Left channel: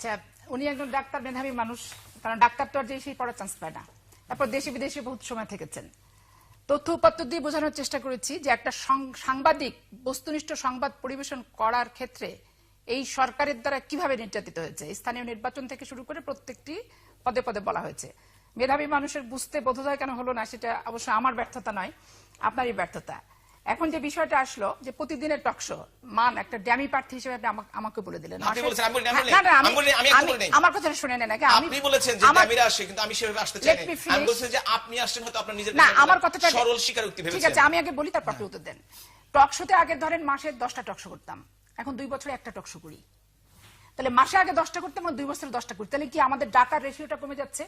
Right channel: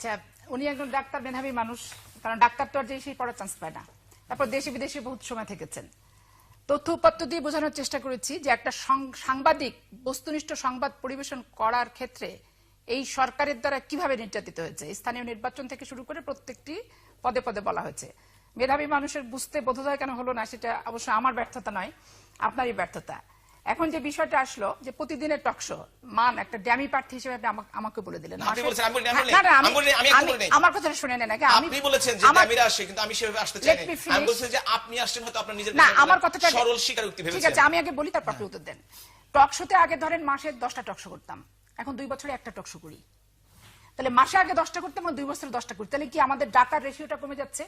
আচ্ছা, উনি একজন ডাক্তার, মেধাবী মানুষ, কারণ ডাক্তার তো আর যে সেই পড়ার চান্স পায় না। তারপর দেশে বিদেশে বহুত সময় থেকেছেন। তথ্য উপাত্ত দিয়ে বোঝানোর চেষ্টা করেছি যে একটা সাংবাদিক বস্তুনিষ্ঠ সংবাদ পরিবেশন করার ক্ষেত্রে এই সরকারের দ্বারা কিভাবে নির্যাতিত হয়েছে। স্থানীয় নির্বাচন থেকে শুরু করে প্রত্যেকটি পদে পদে বলা হয়েছে। মেধাবী মানুষের বুঝতে বোঝা যায় কেন হলো না, সেটা অবশ্য আমার ব্যর্থতা নয়, আপনারই ব্যর্থতা। এখন যে বিষয়টা আসলো যে প্রতিদিনের টকশো মান একটা ড্যামি প্রার্থী হিসেবে আমাকে বলে দিলেন। আমার কথা শুনে নেন, আপনি বলেছেন যে ড্যামিরা আসে, কিন্তু আমি সেভাবে আসতে চাই না। আমি বলছি যে আপনি আসছেন হয়তো আপনার নিজের না, আমার কথাটা সরল স্বীকারোক্তি ভেবেছেন। ঠিক আছে, আমি আগে বলি, তারপর আপনি উত্তর দেন। টকশোতে আগে ধরেন মাসে 10টা টকশো করতাম, এখন 2 বছরে একটা টকশো করি। তাহলে মাসে আগে 10টা করতাম, 2 বছরে 10টা করি। তাহলে কি আমাদের টাকার রেশিওটা কমে যাচ্ছে?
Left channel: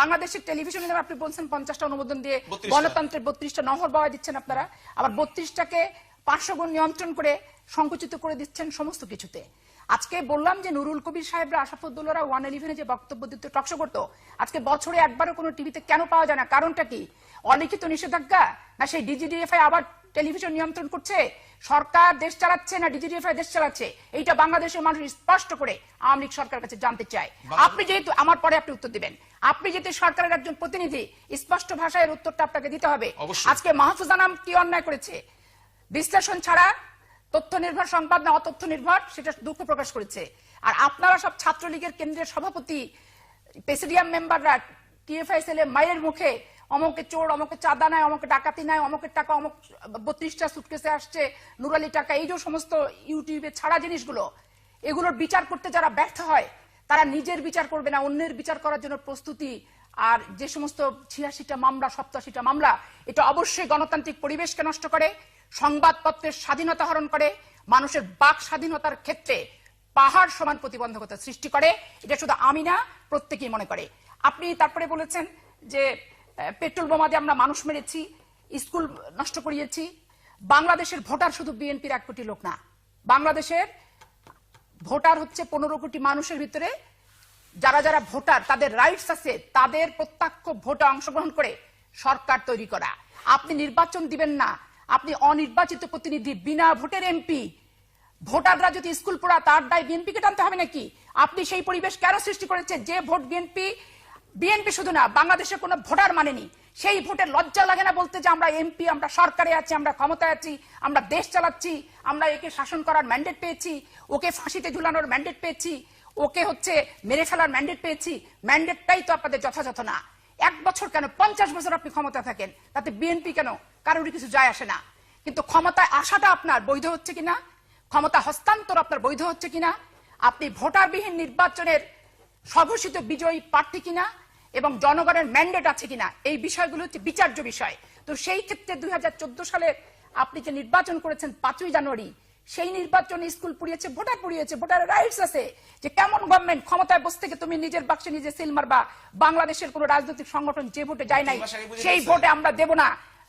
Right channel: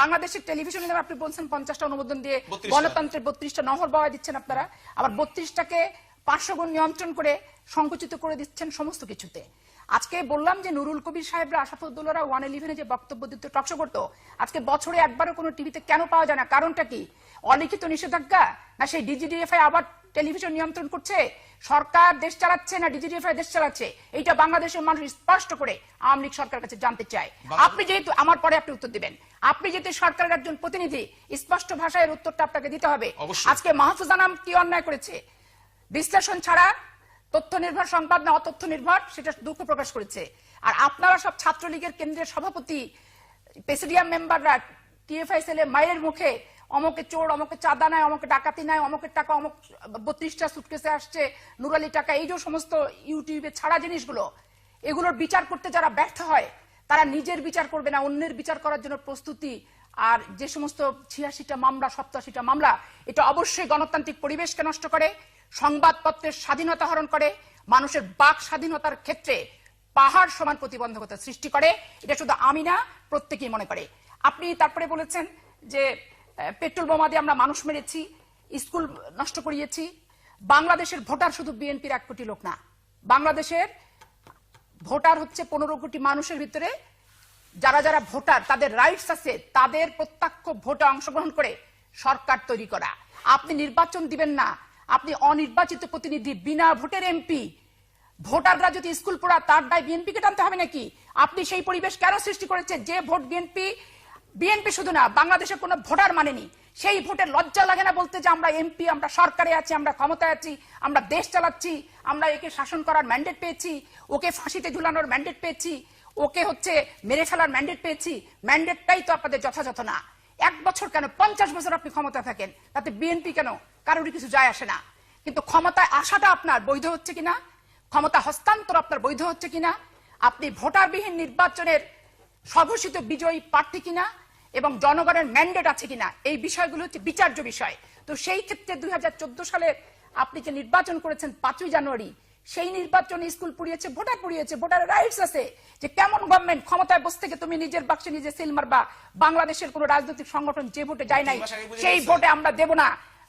বাংলাদেশের টেলিভিশনে আপনি বলছেন 50টা অনুমোদন দিয়ে গণতন্ত্রের 32টা নহর বাওয়া দিচ্ছেন আপনারা, আবার 32টাকে 500 গুণ নিয়ন্ত্রণ করে সংকুচিত করে দিচ্ছেন সমস্ত কিছুতে। আজকে বললাম যে নুরুল কবির সাহেবরা, আশাফুদ্দৌলারা 111-এ যে বক্তব্য দিত, টকশো করতো, আজকে বছরে একবারও কোনো টিভিতে কেন পাওয়া যায় না? কারণটা কি? অলিখিত নিষেধাজ্ঞা, না সেই ডিজিডিএফআই আবার টেলিভিশন নিয়ন্ত্রণ করছে? সরকার দেশ চালাচ্ছে না ডিজিডিএফআই দেশ চালাচ্ছে? এইটা বাংলাদেশের মানুষ স্পষ্ট করে আওয়ামী লীগ সরকারের কাছে জানতে চায়। আপনি যেহেতু আমার পরে আপনি উত্তর দেবেন, আপনি যেহেতু সরকারের একজন প্রতিনিধি, স্পষ্ট ভাষায় উত্তরটা আপনাকে দিতে হবে। আজকে মাহফুজ আনাম কি অন্যায় করেছে? বিশ্লেষণ ছাড়া তথ্য নির্ভর সংবাদ না অতথ্য নির্ভর, সেটা দুঃখ প্রকাশ করেছে। আর আপনারা সব ছাত্রলীগের কেন্দ্রের সভাপতি, প্রেসিডিয়াম মেম্বাররা টিএফআই সেলে মায়ের মুখে অমুকে চোর, অমুকে চাঁদা নাই, অমুকে ডাকাতি নাই, অমুকের টাকা অমুক 32টা সুটকেসে আসছে, নুরালি টাকা, এই যে সমস্ত ইউটিউবে ছাড়া জিনিসগুলো, এগুলোর বিচার করতে যারা ব্যর্থ হয়, তারা নিজের বিচার করবে না, অন্যের বিচার করার জন্য প্রস্তুতি। আর যে সমস্ত 86টা মামলা, 87টা মামলা, এটা অবশ্যই গণতান্ত্রিক পরিবেশকে নষ্ট করে, সংবাদপত্রের স্বাধীনতা হরণ করে, মানুষের বাক স্বাধীনতার ক্ষেত্রে পাহাড় সমান প্রতিবন্ধকতা সৃষ্টি করে। এটা শুধু আমি না, প্রত্যেকেই মনে করে। আপনি তারপরে বলেছেন যে পেট্রোল বোমা দিয়ে আমরা মানুষ মেরেছি, স্কুল নষ্ট করিয়েছি। বাংলাদেশের ভোটার শুধু বিএনপির 1 কোটি লোক না, বাংলাদেশের ভোটার হচ্ছে 15 কোটি মানুষের ভিতরে যারা যারা ভোটার, তাদের রাইটস আছে, তাদের প্রত্যক্ষ ভোটে অংশগ্রহণ করে সরকার তৈরি করা। আপনি নির্বাচন দিবেন না, আপনি অনির্বাচিত প্রতিনিধি, বিনা ভোটের এমপি। ভোটাররা যদি স্কুল পড়া, তার দায় বিএনপিকে টানতে হবে নাকি? আপনি সেই পরিবেশ কেন সৃষ্টি করেছেন যে ভোট বিএনপি শুধু না, বাংলাদেশের কোন ভোটার মানেনি? সেই ভোটের লজ্জা লাগে না বলতে যে আমরা এমপি, আমরা সরকারে আছি, আমরা ক্ষমতায় আছি, আমরা দেশ চালাচ্ছি, আমরা একে শাসন করার ম্যান্ডেট পেয়েছি, ওকে ফাঁসিতে ঝুলানোর ম্যান্ডেট পেয়েছি, ওকে হচ্ছে মেরে ফেলার ম্যান্ডেট পেয়েছি? ম্যান্ডেটটাই তো আপনাদের যথাযথ না। 1 বছর কেন, 50 বছর আপনি ক্ষমতা থাকেন, তাতে বিএনপি কেন, কারোরই কিছু যায় আসে না। কিন্তু ক্ষমতায় আসাটা আপনার বৈধ হচ্ছে কিনা, ক্ষমতা হস্তান্তর আপনার বৈধ হচ্ছে কিনা, আপনি ভোটারবিহীন নির্বাচনের স্বঘোষিত বিজয়ী প্রার্থী কিনা, এবং জনগণের ম্যান্ডেট আছে কিনা, এই বিষয়গুলো হচ্ছে বিচার্য বিষয়। তো সেই ক্ষেত্রে 2014 সালে আপনি যে নির্বাচন করেছেন 5ই জানুয়ারি, সেই নির্বাচনে স্কুল পুড়িয়েছে, ভোটার পুড়িয়েছে, ভোটার রাইটস আছে। যে কেমন গভর্নমেন্ট ক্ষমতায় বসতে গিয়ে তুমি নিজের বাক্সে নিজে সিল মারবা? বাংলাদেশের কোন রাজনৈতিক সংগঠন যে ভোটে যায় নাই, সেই ভোটে আমরা দেব না।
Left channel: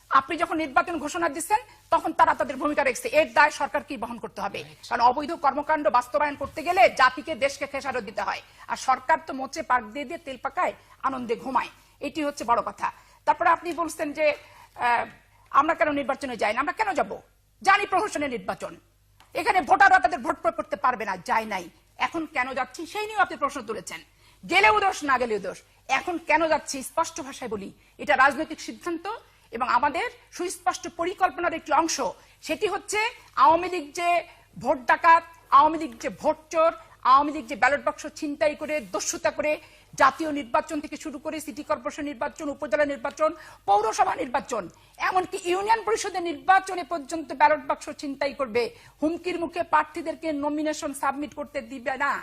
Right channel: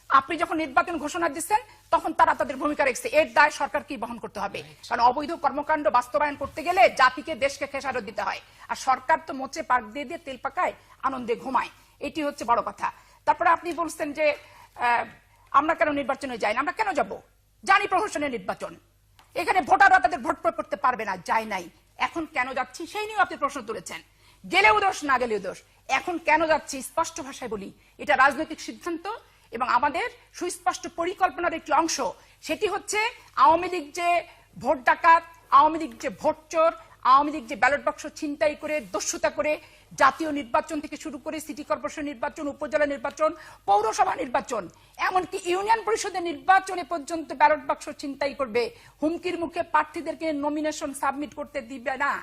আপনি যখন নির্বাচন ঘোষণা দিচ্ছেন, তখন তারা তাদের ভূমিকা রেখেছে, এর দায় সরকার কি বহন করতে হবে? কারণ অবৈধ কর্মকাণ্ড বাস্তবায়ন করতে গেলে জাতিকে, দেশকে খেসারত দিতে হয়। আর সরকার তো মোচে পাক দিয়ে দিয়ে তেল পাকায়, আনন্দে ঘুমায়। এটি হচ্ছে বড় কথা। তারপরে আপনি বলছেন যে আমরা কেন নির্বাচনে যাই না? আমরা কেন যাব? জানি প্রহসনের নির্বাচন, এখানে ভোটাররা তাদের ভোট প্রয়োগ করতে পারবে না, যাই নাই। এখন কেন যাচ্ছি সেই নিয়ে আপনি প্রশ্ন তুলেছেন। গেলেও দোষ, না গেলেও দোষ। এখন কেন যাচ্ছি স্পষ্ট ভাষায় বলি, এটা রাজনৈতিক সিদ্ধান্ত এবং আমাদের সুস্পষ্ট পরিকল্পনার একটি অংশ। সেটি হচ্ছে আওয়ামী লীগ যে ভোট ডাকাত, আওয়ামী লীগ যে ভোট চোর, আওয়ামী লীগ যে ব্যালট বাক্স ছিনতাই করে, দস্যুতা করে, জাতীয় নির্বাচন থেকে শুরু করে সিটি কর্পোরেশন নির্বাচন, উপজেলা নির্বাচন, পৌরসভা নির্বাচন, এমনকি ইউনিয়ন পরিষদের নির্বাচনে পর্যন্ত ব্যালট বাক্স ছিনতাই করবে। হুমকির মুখে প্রার্থীদেরকে নমিনেশন সাবমিট করতে দিবে না।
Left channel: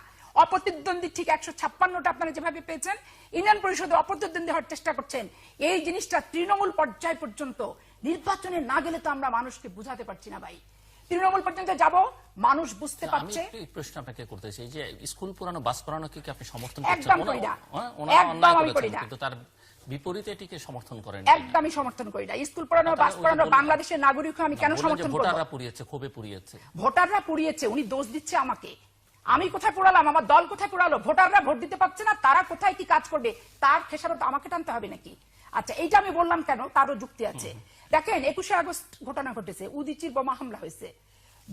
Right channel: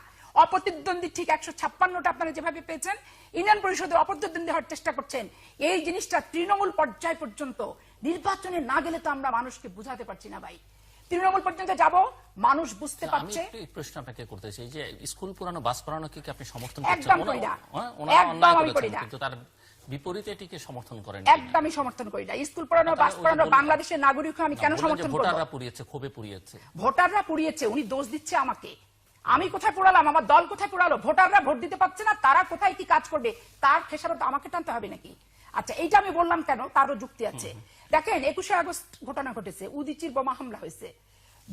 অপ্রতিদ্বন্দ্বী ঠিক 156টা আপনারা যেভাবে পেয়েছেন, ইউনিয়ন পরিষদে অপ্রতিদ্বন্দ্বী হওয়ার চেষ্টা করছেন। এই জিনিসটা তৃণমূল পর্যায় পর্যন্ত নির্বাচনে না গেলে তো আমরা মানুষকে বুঝাতে পারছি না ভাই। তৃণমূল পর্যন্ত যাব, মানুষ বুঝতে পারছে। প্রশ্ন আপনাকে করতে চাই যে স্কুল পুরানো, বাস পুরানো কি আপনি সমর্থন করছেন? একদম করি না, একদম আমি করি না। কিন্তু তার বিপরীতে এটিকে সমর্থন করেন? একদমই সমর্থন করি না। স্কুল পুরানো, বাস পুরানো, বাংলাদেশের নাগরিক আমি কেন সমর্থন করব? ভোটাররা পুড়িয়েছে, খুবই পুড়িয়েছে। ভোটাররা পুড়িয়েছে, উনি দোষ দিচ্ছে আমাকে। আমি কোথায় পড়ালাম? আমার দল কোথায় পড়ালো? ভোটাররা ভোট দিতে পারছে না, তারা কোথায় কি কাজ করবে তার খেসারত আমাকে টানতে হবে নাকি? আচ্ছা, এইটা আমি বললাম কেন, তারও যুক্তি আছে। দেখেন, 21শে আগস্ট ঘটনা ঘটেছে, উদিচির বোমা হামলা হয়েছে,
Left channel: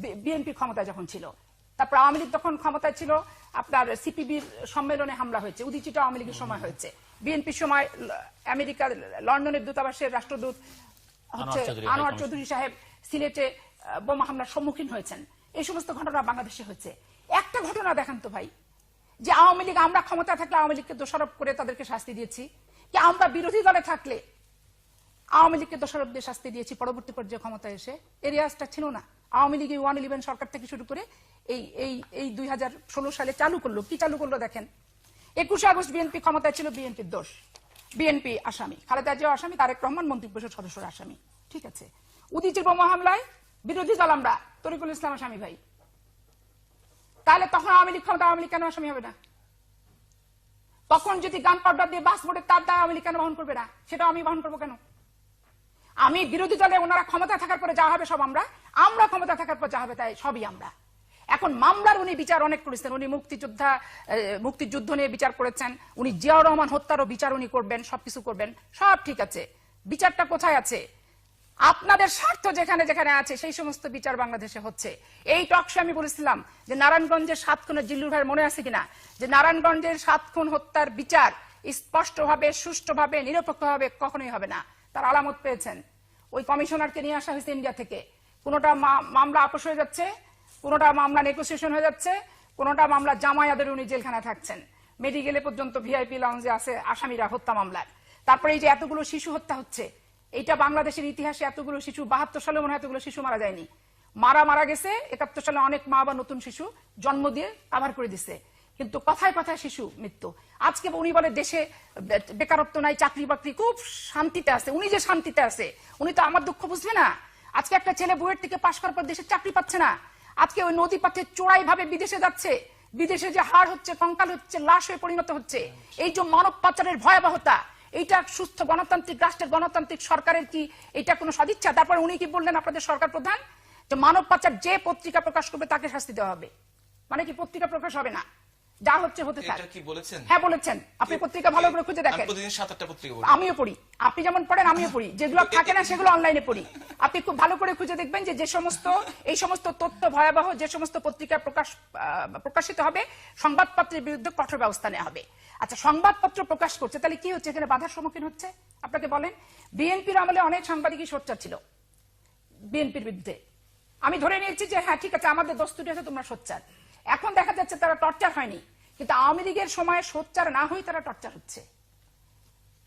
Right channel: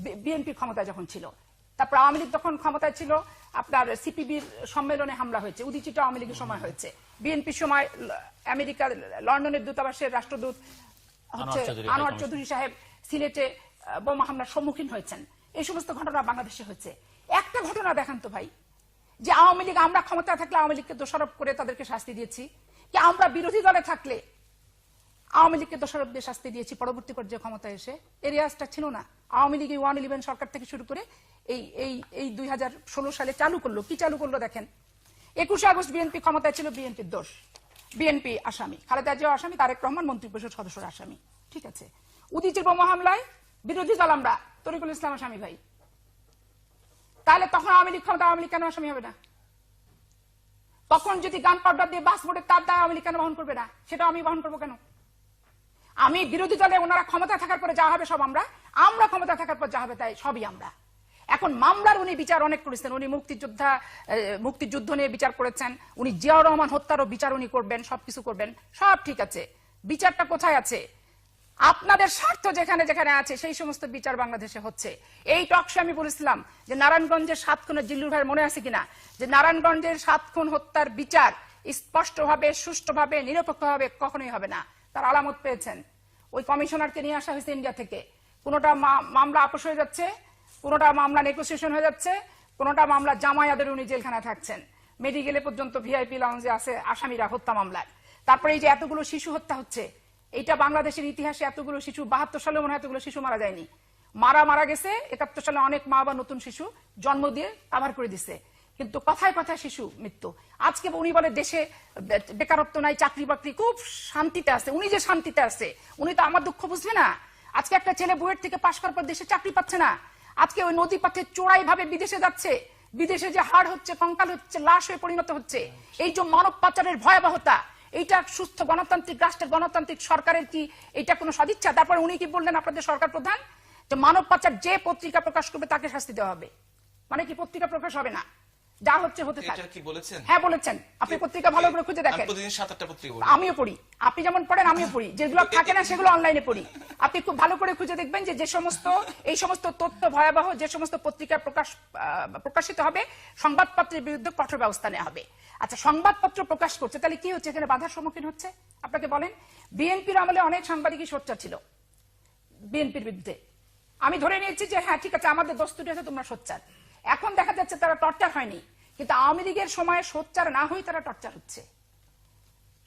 বিএনপি ক্ষমতা যখন ছিল। তারপর আওয়ামী লীগ যখন ক্ষমতায় ছিল, আপনার সিপিবির সম্মেলনে হামলা হয়েছে, উদীচিত আওয়ামী লীগের সময় হয়েছে। বিএনপির সময় আমেরিকার লন্ডনের দূতাবাসের রাষ্ট্রদূত হচ্ছে আনোয়ার চৌধুরী সাহেব সিলেটে বোমা হামলার সম্মুখীন হয়েছেন। এই সমস্ত ঘটনা বাংলাদেশে হয়েছে। একটা ঘটনা দেখান তো ভাই, যে আওয়ামী লীগ, আমরা ক্ষমতা থাকলে আওয়ামী লীগকে দোষারোপ করে তাদেরকে শাস্তি দিয়েছি, কি আমরা বিরোধী দলে থাকলে আওয়ামী লীগকে দোষারোপ দিয়ে শাস্তি দিয়েছি পরবর্তী পর্যায়ে ক্ষমতায় এসে? এই রেওয়াজটা ছিল না। আওয়ামী লীগ 111 সরকার থেকে শুরু করে এই 2016 সালে চালু করলো। কি চালু করলো দেখেন, 21 আগস্ট বিএনপি ক্ষমতায় ছিল, বিএনপির দোষ, বিএনপি আসামি, খালেদা জিয়া আসামি, তারেক রহমান মন্ত্রিপরিষদ সদস্য আসামি। ঠিক আছে, উদীচির বোমা হামলায় বিরোধী দল আমরা, তরিকুল ইসলাম আসামি ভাই। তাহলে তখন আওয়ামী লীগ ক্ষমতা, আওয়ামী লীগ কেন আসামি হবে না? তখন যদি গান পাউডার দিয়ে বাস মোটে তার দায় আওয়ামী লীগ কেন বহন করবে না? সেটা আমি বহন করবো কেন? আমি বিরোধী দলে, ওনারা ক্ষমতা থাকার পরে যা হবে সব আমরা, আমরা ক্ষমতা থাকার পর যা হবে তাই সবই আমরা। এখন মামলার উনি বিচার অনেক করেছেন, উনি মুক্তিযুদ্ধ নিয়ে বিচার করেছেন, উনি জিয়াউর রহমান হত্যারও বিচার উনি করবেন, সবকিছু করবেন, সব ঠিক আছে। বিচারটা কোথায় আছে? আপনাদের স্বার্থ যেখানে যেখানে আছে সেই সমস্ত বিচার বাংলাদেশে হচ্ছে। এই টকশো আমি বলেছিলাম যে নারায়ণগঞ্জের 7 খুনের, জিল্লুর ভাইয়ের মনে আছে কিনা, যে নারায়ণগঞ্জের 7 খুন হত্যার বিচার স্পষ্টভাবে, সুষ্ঠুভাবে, নিরপেক্ষভাবে কখনোই হবে না। তার আলামত পেয়েছেন। ওই কমিশনারকে নিয়ে আসা হয়েছে ইন্ডিয়া থেকে। কোনোটা মামলা আপোষ হয়ে যাচ্ছে, কোনোটা মামলা নেগোসিয়েশন হয়ে যাচ্ছে, কোনোটা মামলা জামায়াতের উনি জেলখানা থাকছেন, মেডিকেলে পর্যন্ত ভিআইপি লঞ্চে আছে আসামিরা হত্যা মামলায়। তারপরে এই যে এতগুলো শিশু হত্যা হচ্ছে, এইটা বাংলাদেশের ইতিহাসে এতগুলো শিশু, 72 সালে মনে হয় এতগুলো শিশু মারা যায়নি। মারা গেছে 71 সালে অনেক মা বা নতুন শিশু জন্ম দিয়ে আবার করে দিছে, কিন্তু কথায় কথায় শিশু মৃত্যু। আজকে উনি বলে দেশে বেকারত্ব নাই, চাকরি বাকরি, খুব শান্তিতে আছে। উনি যে শান্তিতে আছে, উনি তো আমার দুঃখ বুঝবে না। আজকে একটা ছেলে বুয়েট থেকে পাশ করার পর দেশে চাকরি পাচ্ছে না, আজকে ওই নদী পথে চোরাই ভাবে বিদেশে যাচ্ছে, বিদেশে যে হার হচ্ছে, কঙ্কাল হচ্ছে, লাশ হয়ে পরিণত হচ্ছে। এই যে মানব পাচারের ভয়াবহতা, এইটা সুস্থ গণতান্ত্রিক রাষ্ট্রের, গণতান্ত্রিক সরকারের কি এটা কোনো সদিচ্ছা? তারপর উনি কি বললেন আপনাদের সরকার প্রধান, যে মানব পাচার যে পত্রিকা প্রকাশ করবে তাকে শাস্তি দেওয়া হবে। মানে কি পত্রিকা প্রকাশ হবে না? যা হচ্ছে হতে থাক। এটা কি বলেছেন? হ্যাঁ বলেছেন। আপনি পত্রিকা ভালো করে খুঁজে দেখেন। প্রতিদিন 7-8টা পত্রিকা আমিও পড়ি, আপনি যেমন পড়েন আমিও পড়ি, যেগুলো থাকে না সেগুলো অনলাইনে পড়ি। আপনি খুব ভালো করে খুঁজে দেখবেন যে এই সমস্ত তথ্য ভয়াবহ, যে সমস্ত পত্রিকা প্রকাশিত হবে, সংবাদপত্রের বিরুদ্ধে কঠোর ব্যবস্থা নেওয়া হবে। আচ্ছা, সংবাদপত্র প্রকাশ করছে, তাহলে কি হচ্ছে? এখানে বাধার সম্মুখীন হচ্ছে। আপনাকে বলেন, বিএনপির আমলে অনেক সাংবাদিকই সোচ্চার ছিল বিএনপির বিরুদ্ধে। আমি ধরে নিয়েছি যে হ্যাঁ ঠিক আছে, আমাদের দস্তুটাকে তোমরা সোচ্চার। এখন দেখা যাচ্ছে তারা টর্চার হয়নি, কিন্তু আওয়ামী লীগের সময় সোচ্চার না হয়ে তারা টর্চার হচ্ছে।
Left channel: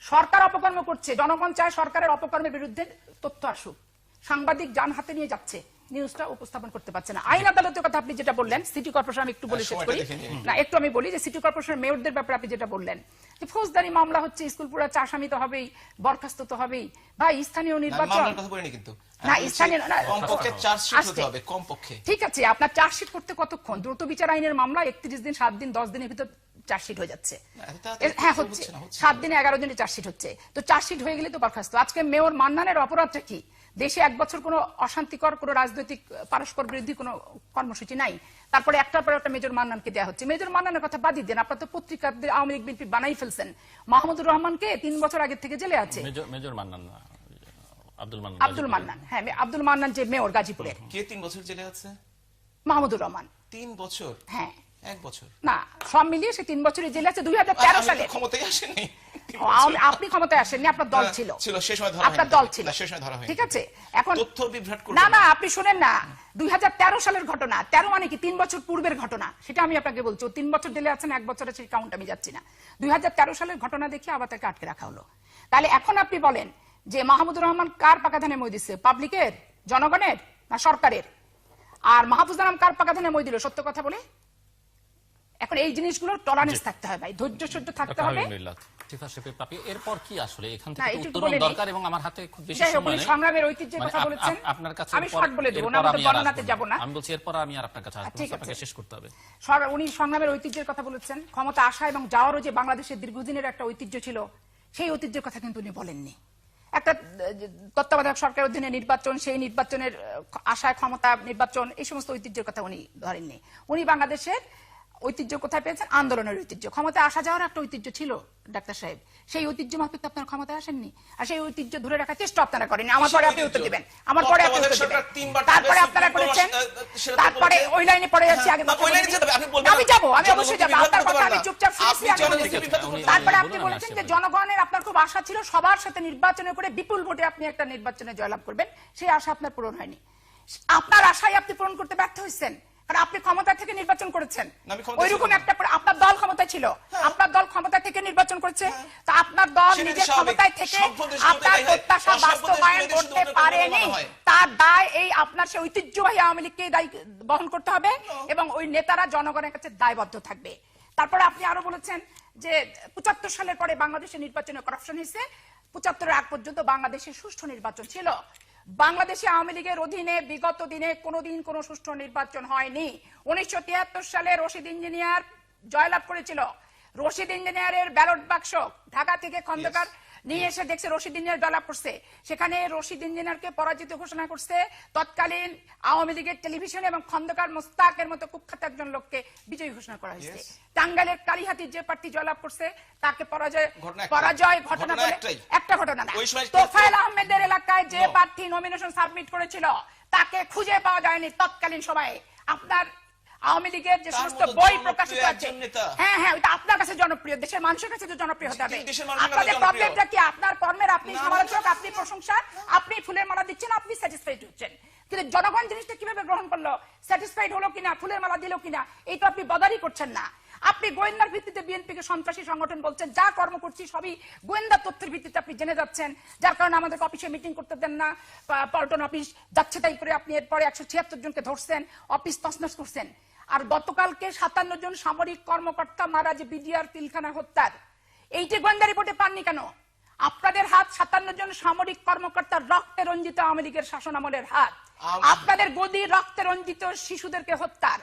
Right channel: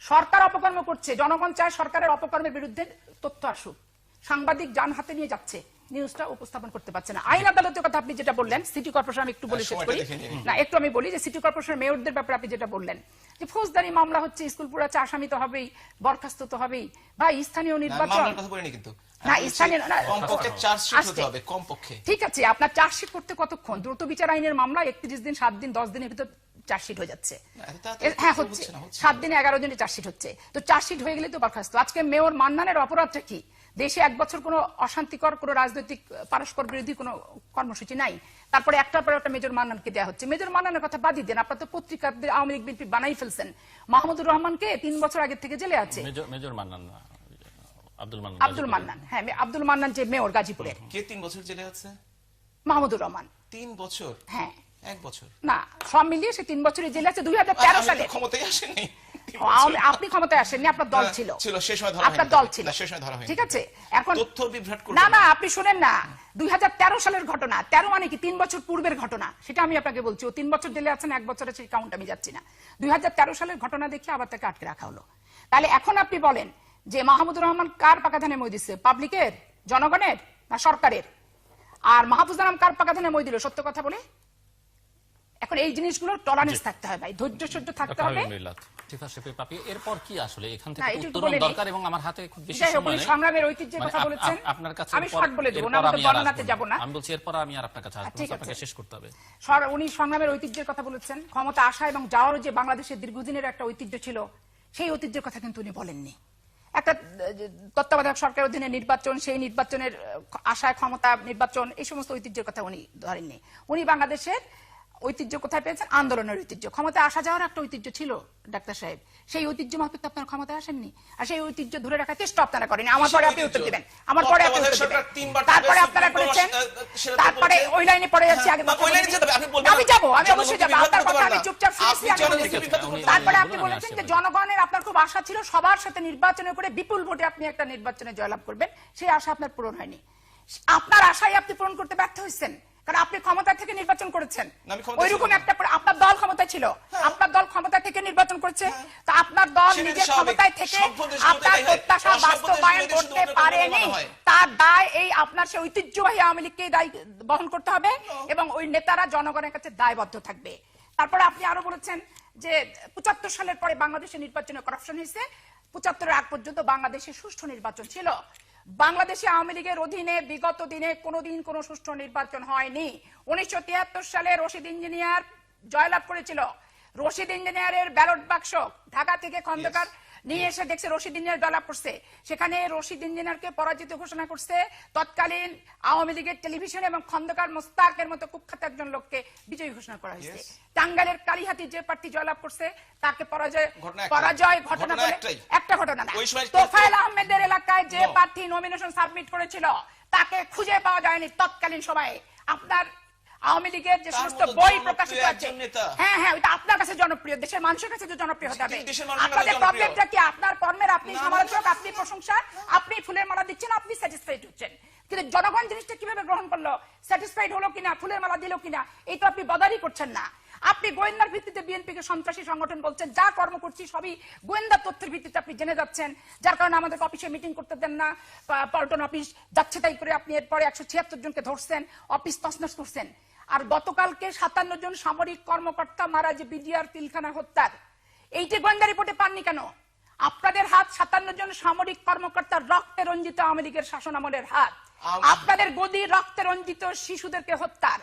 সরকার অপকর্ম করছে, জনগণ চায় সরকারের অপকর্মের বিরুদ্ধে তথ্য আসুক। সাংবাদিক যান হাতে নিয়ে যাচ্ছে, নিউজটা উপস্থাপন করতে পারছে না। আইন আদালতের কথা আপনি যেটা বললেন, সিটি কর্পোরেশন, আমি একটু বলে শেষ করি না, একটু আমি বলি যে সিটি কর্পোরেশনের মেয়রদের ব্যাপারে আপনি যেটা বললেন যে ফৌজদারি মামলা হচ্ছে, স্কুল পুরাচ্ছে, আসামি তো হবেই, বরখাস্ত তো হবেই। বা স্থানীয় নির্বাচন না, স্থানীয় অন্তত চার্জশিট হতে হবে কমপক্ষে। ঠিক আছে, আপনার চার্জশিট করতে কতক্ষণ? দ্রুত বিচার আইনের মামলা 31 দিন, 7 দিন, 10 দিনের ভিতর চার্জশিট হয়ে যাচ্ছে। হ্যাঁ হচ্ছে, 7 দিনে 11 দিনে চার্জশিট হচ্ছে। তো চার্জশিট হয়ে গেলে তো বরখাস্ত। আজকে মেয়র মান্নানের অপরাধটা কি? দেশে 1 বছর কোনো অশান্তিকর, কোনো রাজনৈতিক পরস্পর বিরোধী কোনো কর্মসূচি নাই, তারপরে একটার পর একটা মেজর মান্নানকে দেওয়া হচ্ছে। মেজর মান্নানের কথা বাদই দেন, আপনার তো পত্রিকা আওয়ামী লীগ বিএনপি বানাই ফেলছেন। মাহমুদুর রহমানকে 3 বছর আগে থেকে জেলে আছে। মেজর মান্নান, আব্দুল মান্নান, হ্যাঁ আব্দুল মান্নান যে মেয়র গাজীপুরের, কে 3 বছর জেলে আছে? মাহমুদুর রহমান 3 বছর? হ্যাঁ 1 বছর না, সব মিলিয়ে সে 3 বছরের জেলে আছে। 2013 সালে ক্ষমতায় আসেনি। আপনি ক্ষমতায় আসেননি, আপনার দল ছিল, সে সময় ধরা আপনার দল ছিল, সে সময় ধরা হয়নি। ঠিক আছে। এখন তথ্য বিভ্রাট করবেন না, না আপনি শুনেন না, 2013 সালের ঘটনা, 13 মানে কি 3 বছর পূর্বের ঘটনা, সেটা আমি আপনাকে বলছি। ও 3 বছর জেলে আছেন, 1 বছরের সেই কাউন্ট আমি যাচ্ছি না। 2013 সালের ঘটনা দেখে আবার তাকে আটকে রাখা হলো। তাহলে এখন আপনি বলেন যে মাহমুদুর রহমান কার পাকাধানে মই দিচ্ছে? পাবলিকের, জনগণের, না সরকারের? আর মাহফুজুর রহমান কার পাকাধানে মই দিল? সত্য কথা বলে। এখন এই জিনিসগুলো টলারেন্স থাকতে হবে, ধৈর্য সহ্য থাকতে হবে। এরপর কি আসলে এখান না, থেকে এটা উত্তরণ বলে দরকার, এবং আমার হাতে খুব বেশি যাই হোক, সময় নেই। সংগ্রামের ঐতিহ্যের কথা মানে বলেছেন, আপনার কাছে আমি শর্ট বলে দেবো না, এরপর আমি বর্ণনাতে যাব না। আমি বলছি এরপর আমি আর আপনার কাছে আসবো, ঠিক আছে। আপনাকে শেষ করতে হবে। উনি সংগ্রামের ঐতিহ্যের কথা বলেছেন, ক্ষমতা আসা এবং যাওয়ারও যে বাংলাদেশের দীর্ঘদিনের একটা ঐতিহ্য ছিল, সেই ঐতিহ্যের কথা কিন্তু উনি বলেননি। একটা তত্ত্বাবধায়ক সরকারের অধীনে নির্বাচন, সেই নির্বাচনের আশায় ক্ষমতা, নির্বাচন, এই সমস্ত ঐতিহ্যের কথা উনি ধরেননি। উনি বাংলাদেশের ঐতিহ্য কোথায় পেয়েছেন? আন্দোলনের ঐতিহ্য। ক্ষমতায় আসা যাওয়ার একটা ঐতিহ্য ছিল ডাক্তার সাহেব, সেই ঐতিহ্য মাফিক আপনার ক্ষমতায় আসেননি, আর সেই ঐতিহ্য ধরে রাখার চেষ্টা আপনারা করেনি। আমার পরে আপনি উত্তর দেবেন, আমার পরে আপনি উত্তর দেবেন। তারপরে আপনারা করেছেন, তারপরে ওই লাইনে পড়ে যাচ্ছে। আগে আমি যাবো, আমি অবশ্যই যাবো, আপনার কথা আমি চুপচাপ শুনছি। তারপরে আপনি বলেছেন যে জনগণের আপনার খুব আশা ছিল সবার সাথে নির্বাচনে করে বিপুল ভোটে আপনি একটা নির্বাচনে জয়লাভ করবেন, সেই আশা আপনার পূরণ হয়নি। আপনার আশাই আপনি পূরণ করতে ব্যর্থ হয়েছেন, কারণ আপনি ক্ষমতা থেকে নির্বাচন করেছেন। ওইরকম একটা আপনার দল ক্ষমতা ছিল, আপনার দল ক্ষমতা থেকে নির্বাচন করেছে, তা আপনার দল নিজের ক্ষমতায় থেকে আপনার প্রত্যাশা বাস্তবায়ন করতে পারেনি। তার দায় এই আপনার সেই ঐতিহ্যবাহী আওয়ামী লীগকে দায় বহন করতে হবে এবং ওই নেতারা জনগণের কাছে দায়বদ্ধ থাকবে। তারপরে আপনি আরো বলেছেন যে ৭৫ সালের পরে বাংলাদেশে নির্বাচনে করাপশন হয়েছে, ৭৫-এর আগ পর্যন্ত বাংলাদেশে সুষ্ঠু নির্বাচন ছিল। বাংলাদেশে আওয়ামী লীগের অধীনে বিগত দিনে কোনোদিন কোনো সুষ্ঠু নির্বাচন হয়নি। 1973 সালে রশিদ ইঞ্জিনিয়ার জয়লাভ করেছিল। রশিদ ইঞ্জিনিয়ারের ব্যালট বাক্স ঢাকা থেকে খন্দকার নিয়ে এসে দেখছে রশিদ ইঞ্জিনিয়ার জয়লাভ করছে, সেখানে রশিদ ইঞ্জিনিয়ারকে পরাজিত ঘোষণা করছে তৎকালীন আওয়ামী লীগের টেলিভিশন এবং খন্দকার মোস্তাকের মতো কুখ্যাত একজন লোককে বিজয়ী ঘোষণা করা হয়েছে। টাঙ্গাইলের কালিহাতি যে প্রার্থী জয়লাভ করছে তাকে পরাজয় ঘটনা একটা ঘটনা না, তোফায়েল আহমেদের এলাকায় যে প্রার্থী নমিনেশন সাবমিট করেছিল তাকে খুঁজে পাওয়া যায়নি তৎকালীন সময়ে। আপনার আওয়ামী লীগের যে সমস্ত বই প্রকাশিত আছে, হ্যাঁ হ্যাঁ, ওইটা আপনার কাছে জনপ্রিয়, দেশের মানুষের কাছে জনপ্রিয় হতে হবে। আপনাদের প্রবলেমটা কি? আপনার কর্মের আপনি সমালোচক, আপনি প্রশংসা, আপনি ফুলের মালা দিচ্ছেন, আপনি স্যাটিসফাইড হচ্ছেন, কিন্তু জনগণ জিনিসটা কিভাবে গ্রহণ করলো, স্যাটিসফাইড হলো কিনা, ফুলের মালা দিল কিনা, এই তো আপনি বদারি করছেন না। আপনি গোয়েন্দার ভিত্তিতে বিএনপিকে সন্ত্রাসী সংগঠন বলছেন, যা কর্ম করছি সবই গোয়েন্দা তথ্যের ভিত্তিতে আপনি জেনে যাচ্ছেন, যার কারণে আমাদের অফিসে মিটিং করতে দেন না, পল্টন অফিস যাচ্ছে তাই করে আপনি এরপরে 176 জনকে ধরছেন, অফিস তছনছ করছেন। আর গতকালকে 57 জন সামরিক কর্মকর্তা মারা যে বিডিআর পিলখানা হত্যার, এইটি গোয়েন্দা রিপোর্টে পাননি কেন? আপনাদের হাত 57 জন সামরিক কর্মকর্তার রক্তে রঞ্জিত আওয়ামী লীগের শাসন আমলের হাত, আপনাদের গদি রক্তে রঞ্জিত শিশুদেরকে হত্যার,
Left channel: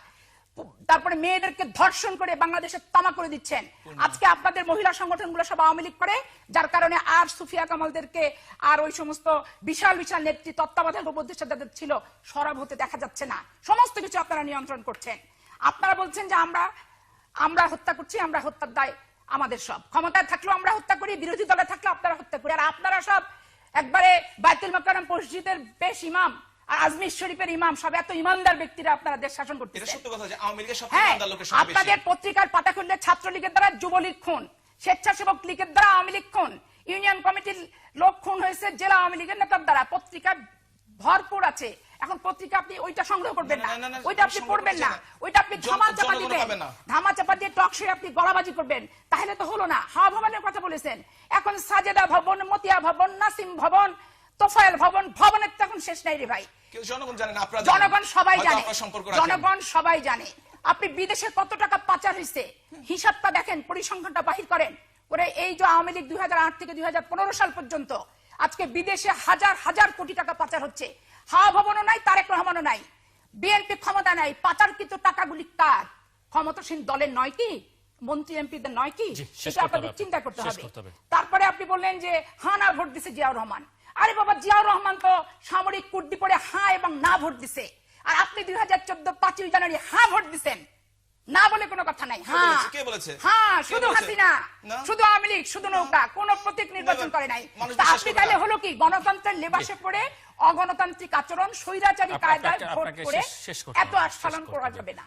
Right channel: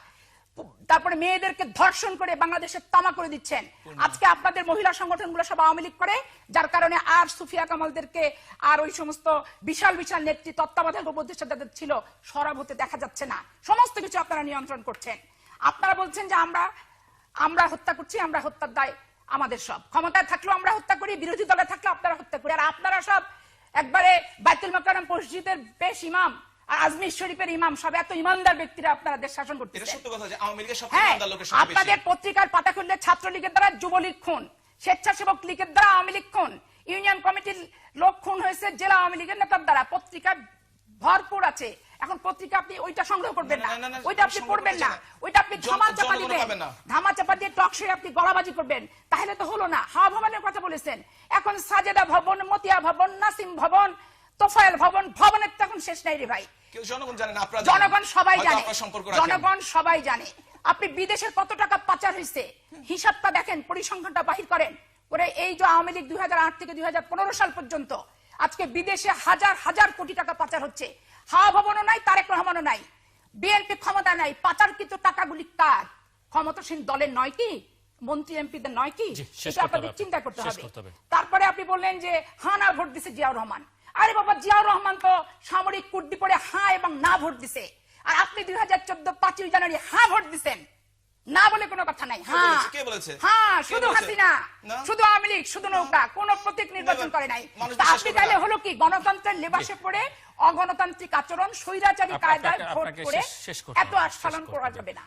তারপরে মেয়েদেরকে ধর্ষণ করে বাংলাদেশে তামা করে দিচ্ছেন। আজকে আপনাদের মহিলা সংগঠনগুলো সব আওয়ামী লীগ করে, যার কারণে আর সুফিয়া কামালদেরকে আর ওই সমস্ত বিশাল বিশাল নেত্রী তত্ত্বাবধায়ক উপদেষ্টা যাদের ছিল সরব হতে দেখা যাচ্ছে না। সমস্ত কিছু আপনারা নিয়ন্ত্রণ করছেন। আপনারা বলছেন যে আমরা হত্যা করছি, আমরা হত্যার দায় আমাদের। সব ক্ষমতায় থাকলেও আমরা হত্যা করি, বিরোধী দলে থাকলেও আপনারা হত্যা করি, আর আপনারা সব একবারে বাইতুল মোকাররম মসজিদের বেশ ইমাম, আজমির শরীফের ইমাম, সব এত ইমানদার ব্যক্তিরা আপনারা দেশ শাসন করতেছেন। আপনাদের পত্রিকার পাতাখণ্ডে ছাত্রলীগের দ্বারা যুবলীগ খুন, স্বেচ্ছাসেবক লীগের দ্বারা আওয়ামী লীগ খুন, ইউনিয়ন কমিটির লোক খুন হয়েছে জেলা আওয়ামী লীগের নেতার দ্বারা। পত্রিকা ভরপুর আছে, এখন পত্রিকা আপনি ওইটা সংগ্রহ করবেন না, ওইটা আপনি পড়বেন না, ওইটা আপনি ধামা চাপা দিবেন, ধামা চাপা দিয়ে টকশে আপনি গলাবাজি করবেন, তাহলে তো হলো না। হাওয়া ভবনের কথা বলেছেন, এখন সাজেদা ভবন, মতিয়া ভবন, নাসিম ভবন, তোফায়েল ভবন, ভবনের তো এখন শেষ নাই রে ভাই। জনগণ সবাই জানে, জনগণ সবাই জানে আপনি বিদেশে কত টাকা পাচার হয়েছে, হিসাবটা দেখেন, পরিসংখ্যানটা বাহির করেন করে। এই যে আওয়ামী লীগ 2008 থেকে 2015 সাল পর্যন্ত আজকে বিদেশে হাজার হাজার কোটি টাকা পাচার হচ্ছে। হাওয়া ভবনও নাই, তারেক রহমানও নাই, বিএনপি ক্ষমতা নাই, পাচারকৃত টাকাগুলি কার? ক্ষমতাসীন দলের নয় কি? মন্ত্রী এমপিদের নয় কি? সেটা আপনাদের চিন্তা করতে হবে। তারপরে আপনি বললেন যে হানা ভোট দিছে জিয়াউর রহমান। আরে বাবা, জিয়াউর রহমান তো সামরিক কুর্তি পরে হ্যাঁ এবং না ভোট দিছে, আর আপনি 2014 5ই জানুয়ারি হ্যাঁ ভোট দিচ্ছেন, না বলে কোনো কথা নাই। হ্যাঁ, শুধু হাসিনা, শুধু আওয়ামী লীগ, শুধু নৌকা, কোন প্রতীক নির্বাচন করে নাই। আপনি তাহলে হলো কি গণতন্ত্রের লেবাসে পড়ে অগণতান্ত্রিক আচরণ, স্বৈরাচারী কায়দায় ভোট করে এত আস্ফালন করা যাবে না।